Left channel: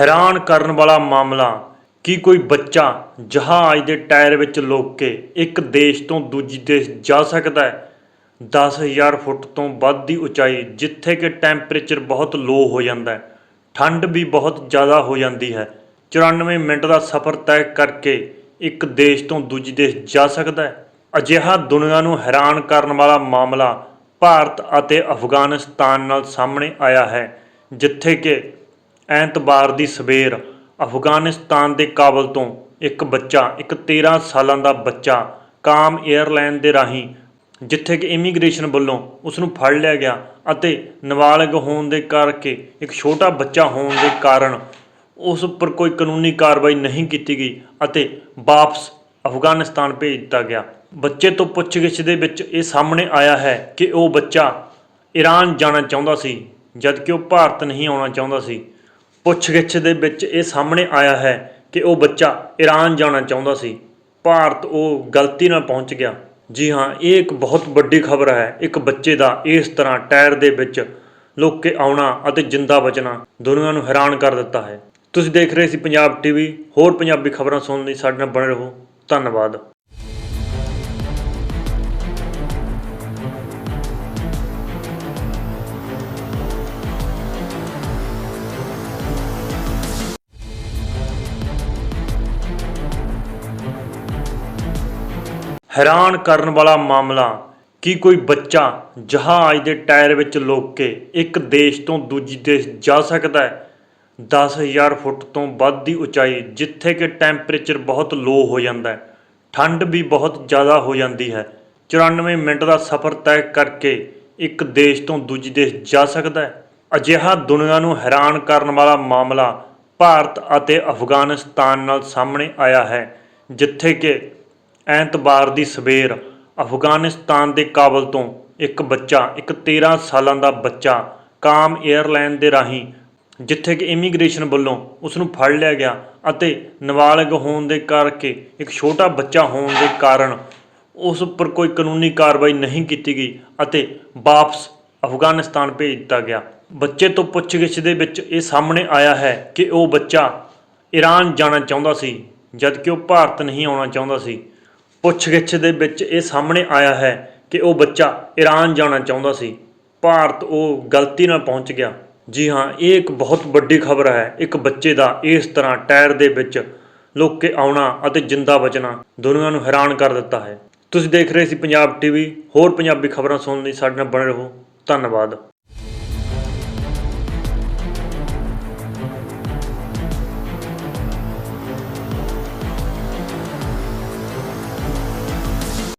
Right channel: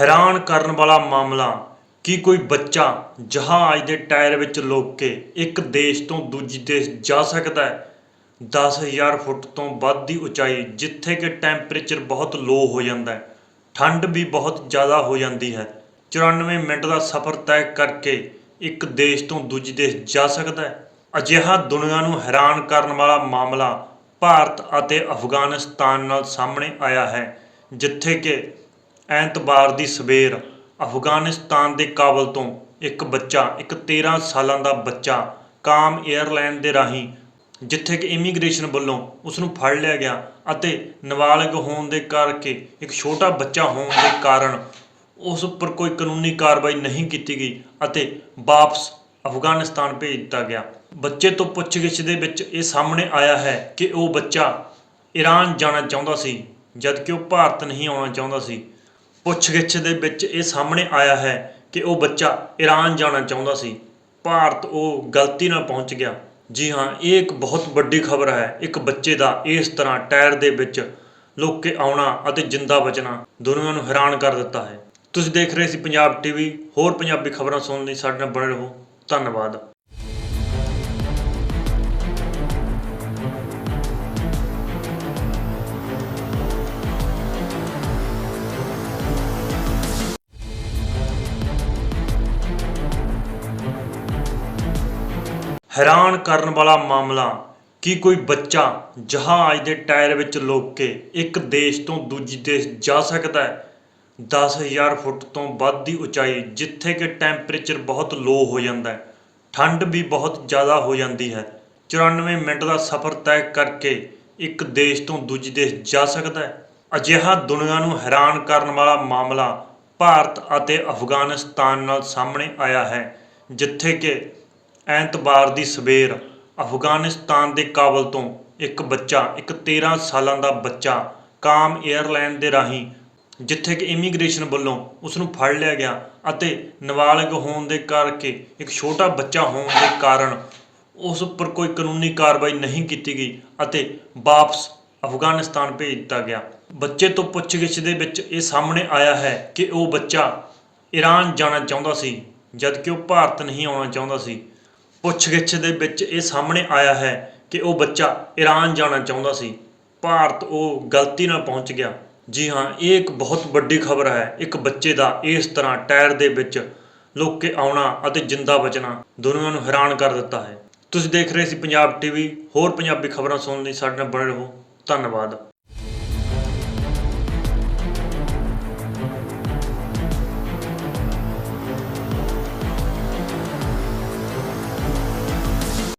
ਹੈਰਾਨ ਕਰਨ ਵਾਲਾ ਮਾਮਲਾ ਕਿ ਕੋਈ ਬੱਚਾ ਜਹਾਜ਼ ਦੇ ਟਾਇਰ ਵਿੱਚ ਲੁਕ ਕੇ ਇੱਕ ਦੇਸ਼ ਤੋਂ ਦੂਜੀ ਦੇਸ਼ ਜਾ ਸਕਦਾ ਹੈ। 10000 ਫੁੱਟ ਤੋਂ ਵੱਧ ਦੀ ਉਚਾਈ, ਜਿੱਥੇ ਕਿ ਟੈਂਪਰੇਚਰ ਬਹੁਤ ਲੋ ਹੋ ਜਾਂਦਾ ਹੈ, ਠੰਡ ਵੀ ਬਹੁਤ ਜ਼ਿਆਦਾ ਹੋ ਜਾਂਦੀ ਹੈ। 94 ਮਿੰਟ ਦਾ ਸਫ਼ਰ ਤੈਅ ਕਰਕੇ ਇੱਕ ਦੇਸ਼ ਤੋਂ ਦੂਜੀ ਦੇਸ਼ ਜਾ ਸਕਦਾ ਹੈ। ਅਜਿਹਾ ਦੁਨੀਆ ਨੂੰ ਹੈਰਾਨ ਕਰਨ ਵਾਲਾ ਮਾਮਲਾ ਭਾਰਤ ਅਤੇ ਅਫਗਾਨਿਸਤਾਨ ਨਾਲ ਸਾਹਮਣੇ ਆਇਆ ਹੈ, ਜਿੱਥੇ ਕਿ ਐਤਵਾਰ ਦੀ ਸਵੇਰ ਅਫਗਾਨਿਸਤਾਨ ਦੇ ਕਾਬਲ ਤੋਂ ਇੱਕ ਬੱਚਾ, ਇੱਕ 13 ਸਾਲਾਂ ਦਾ ਬੱਚਾ ਕਾਮ 에ਅਰਲਾਈਨ ਦੇ ਰਾਹੀਂ, ਜਿੱਥੇ ਕਿ ਇਮੀਗ੍ਰੇਸ਼ਨ ਵੱਲੋਂ ਉਸ ਨੂੰ ਫੜ ਲਿਆ ਗਿਆ ਅਤੇ ਨਾਬਾਲਗ ਹੋਣ ਦੇ ਕਰਕੇ ਇੱਕ ਛੋਟਾ ਬੱਚਾ ਹੋਣ ਦੇ ਕਾਰਨ ਉਸ ਉੱਪਰ ਕੋਈ ਕਾਨੂੰਨੀ ਕਾਰਵਾਈ ਨਹੀਂ ਕੀਤੀ ਗਈ ਅਤੇ ਵਾਪਸ ਅਫਗਾਨਿਸਤਾਨ ਭੇਜ ਦਿੱਤਾ ਗਿਆ। ਬੱਚੇ ਤੋਂ ਪੁੱਛਗਿੱਛ ਦੇ ਵਿੱਚ ਇਹ ਸਾਹਮਣੇ ਆਇਆ ਹੈ ਕਿ ਉਹ ਬੱਚਾ ਈਰਾਨ ਜਾਣਾ ਚਾਹੁੰਦਾ ਸੀ, ਜਦਕਿ ਉਹ ਭਾਰਤ ਨਹੀਂ ਆਉਣਾ ਚਾਹੁੰਦਾ ਸੀ। ਪੁੱਛਗਿੱਛ ਦੇ ਵਿੱਚ ਇਹ ਸਾਹਮਣੇ ਆਇਆ ਹੈ ਕਿ ਉਹ ਬੱਚਾ ਈਰਾਨ ਜਾਣਾ ਚਾਹੁੰਦਾ ਸੀ। ਭਾਰਤ ਉਹ ਗਲਤੀ ਨਾਲ ਪਹੁੰਚ ਗਿਆ। ਜੀ ਹਾਂ, ਇਹ ਇੱਕ ਬਹੁਤ ਵੱਡੀ ਖਬਰ ਹੈ। ਇੱਕ ਬੱਚੇ ਦਾ ਇਸ ਤਰ੍ਹਾਂ ਟਾਇਰ ਦੇ ਵਿੱਚ ਲੁੱਕ ਕੇ ਆਉਣਾ ਅਤੇ ਜਿੰਦਾ ਬਚਣਾ ਦੁਨੀਆ ਨੂੰ ਹੈਰਾਨ ਕਰ ਦਿੱਤਾ ਹੈ। ਤੁਸੀਂ ਦੇਖ ਰਹੇ ਸੀ ਪੰਜਾਬ ਟੀਵੀ। ਹੋਰ ਪੰਜਾਬੀ ਖਬਰਾਂ ਸੁਣਨ ਲਈ ਸਾਡੇ ਨਾਲ ਬਣੇ ਰਹੋ। ਧੰਨਵਾਦ। ਹੈਰਾਨ ਕਰਨ ਵਾਲਾ ਮਾਮਲਾ ਕਿ ਕੋਈ ਬੱਚਾ ਜਹਾਜ਼ ਦੇ ਟਾਇਰ ਵਿੱਚ ਲੁਕ ਕੇ ਇੱਕ ਦੇਸ਼ ਤੋਂ ਦੂਜੀ ਦੇਸ਼ ਜਾ ਸਕਦਾ ਹੈ। 10000 ਫੁੱਟ ਤੋਂ ਵੱਧ ਦੀ ਉਚਾਈ, ਜਿੱਥੇ ਕਿ ਟੈਂਪਰੇਚਰ ਬਹੁਤ ਲੋ ਹੋ ਜਾਂਦਾ ਹੈ, ਠੰਡ ਵੀ ਬਹੁਤ ਜ਼ਿਆਦਾ ਹੋ ਜਾਂਦੀ ਹੈ। 94 ਮਿੰਟ ਦਾ ਸਫ਼ਰ ਤੈਅ ਕਰਕੇ ਇੱਕ ਦੇਸ਼ ਤੋਂ ਦੂਜੀ ਦੇਸ਼ ਜਾ ਸਕਦਾ ਹੈ। ਅਜਿਹਾ ਦੁਨੀਆ ਨੂੰ ਹੈਰਾਨ ਕਰਨ ਵਾਲਾ ਮਾਮਲਾ ਭਾਰਤ ਅਤੇ ਅਫਗਾਨਿਸਤਾਨ ਨਾਲ ਸਾਹਮਣੇ ਆਇਆ ਹੈ, ਜਿੱਥੇ ਕਿ ਐਤਵਾਰ ਦੀ ਸਵੇਰ ਅਫਗਾਨਿਸਤਾਨ ਦੇ ਕਾਬਲ ਤੋਂ ਇੱਕ ਬੱਚਾ, ਇੱਕ 13 ਸਾਲਾਂ ਦਾ ਬੱਚਾ ਕਾਮ 에ਅਰਲਾਈਨ ਦੇ ਰਾਹੀਂ, ਜਿੱਥੇ ਕਿ ਇਮੀਗ੍ਰੇਸ਼ਨ ਵੱਲੋਂ ਉਸ ਨੂੰ ਫੜ ਲਿਆ ਗਿਆ ਅਤੇ ਨਾਬਾਲਗ ਹੋਣ ਦੇ ਕਰਕੇ ਇੱਕ ਛੋਟਾ ਬੱਚਾ ਹੋਣ ਦੇ ਕਾਰਨ ਉਸ ਉੱਪਰ ਕੋਈ ਕਾਨੂੰਨੀ ਕਾਰਵਾਈ ਨਹੀਂ ਕੀਤੀ ਗਈ ਅਤੇ ਵਾਪਸ ਅਫਗਾਨਿਸਤਾਨ ਭੇਜ ਦਿੱਤਾ ਗਿਆ। ਬੱਚੇ ਤੋਂ ਪੁੱਛਗਿੱਛ ਦੇ ਵਿੱਚ ਇਹ ਸਾਹਮਣੇ ਆਇਆ ਹੈ ਕਿ ਉਹ ਬੱਚਾ ਈਰਾਨ ਜਾਣਾ ਚਾਹੁੰਦਾ ਸੀ, ਜਦਕਿ ਉਹ ਭਾਰਤ ਨਹੀਂ ਆਉਣਾ ਚਾਹੁੰਦਾ ਸੀ। ਪੁੱਛਗਿੱਛ ਦੇ ਵਿੱਚ ਇਹ ਸਾਹਮਣੇ ਆਇਆ ਹੈ ਕਿ ਉਹ ਬੱਚਾ ਈਰਾਨ ਜਾਣਾ ਚਾਹੁੰਦਾ ਸੀ। ਭਾਰਤ ਉਹ ਗਲਤੀ ਨਾਲ ਪਹੁੰਚ ਗਿਆ। ਜੀ ਹਾਂ, ਇਹ ਇੱਕ ਬਹੁਤ ਵੱਡੀ ਖਬਰ ਹੈ। ਇੱਕ ਬੱਚੇ ਦਾ ਇਸ ਤਰ੍ਹਾਂ ਟਾਇਰ ਦੇ ਵਿੱਚ ਲੁੱਕ ਕੇ ਆਉਣਾ ਅਤੇ ਜਿੰਦਾ ਬਚਣਾ ਦੁਨੀਆ ਨੂੰ ਹੈਰਾਨ ਕਰ ਦਿੱਤਾ ਹੈ। ਤੁਸੀਂ ਦੇਖ ਰਹੇ ਸੀ ਪੰਜਾਬ ਟੀਵੀ। ਹੋਰ ਪੰਜਾਬੀ ਖਬਰਾਂ ਸੁਣਨ ਲਈ ਸਾਡੇ ਨਾਲ ਬਣੇ ਰਹੋ। ਧੰਨਵਾਦ।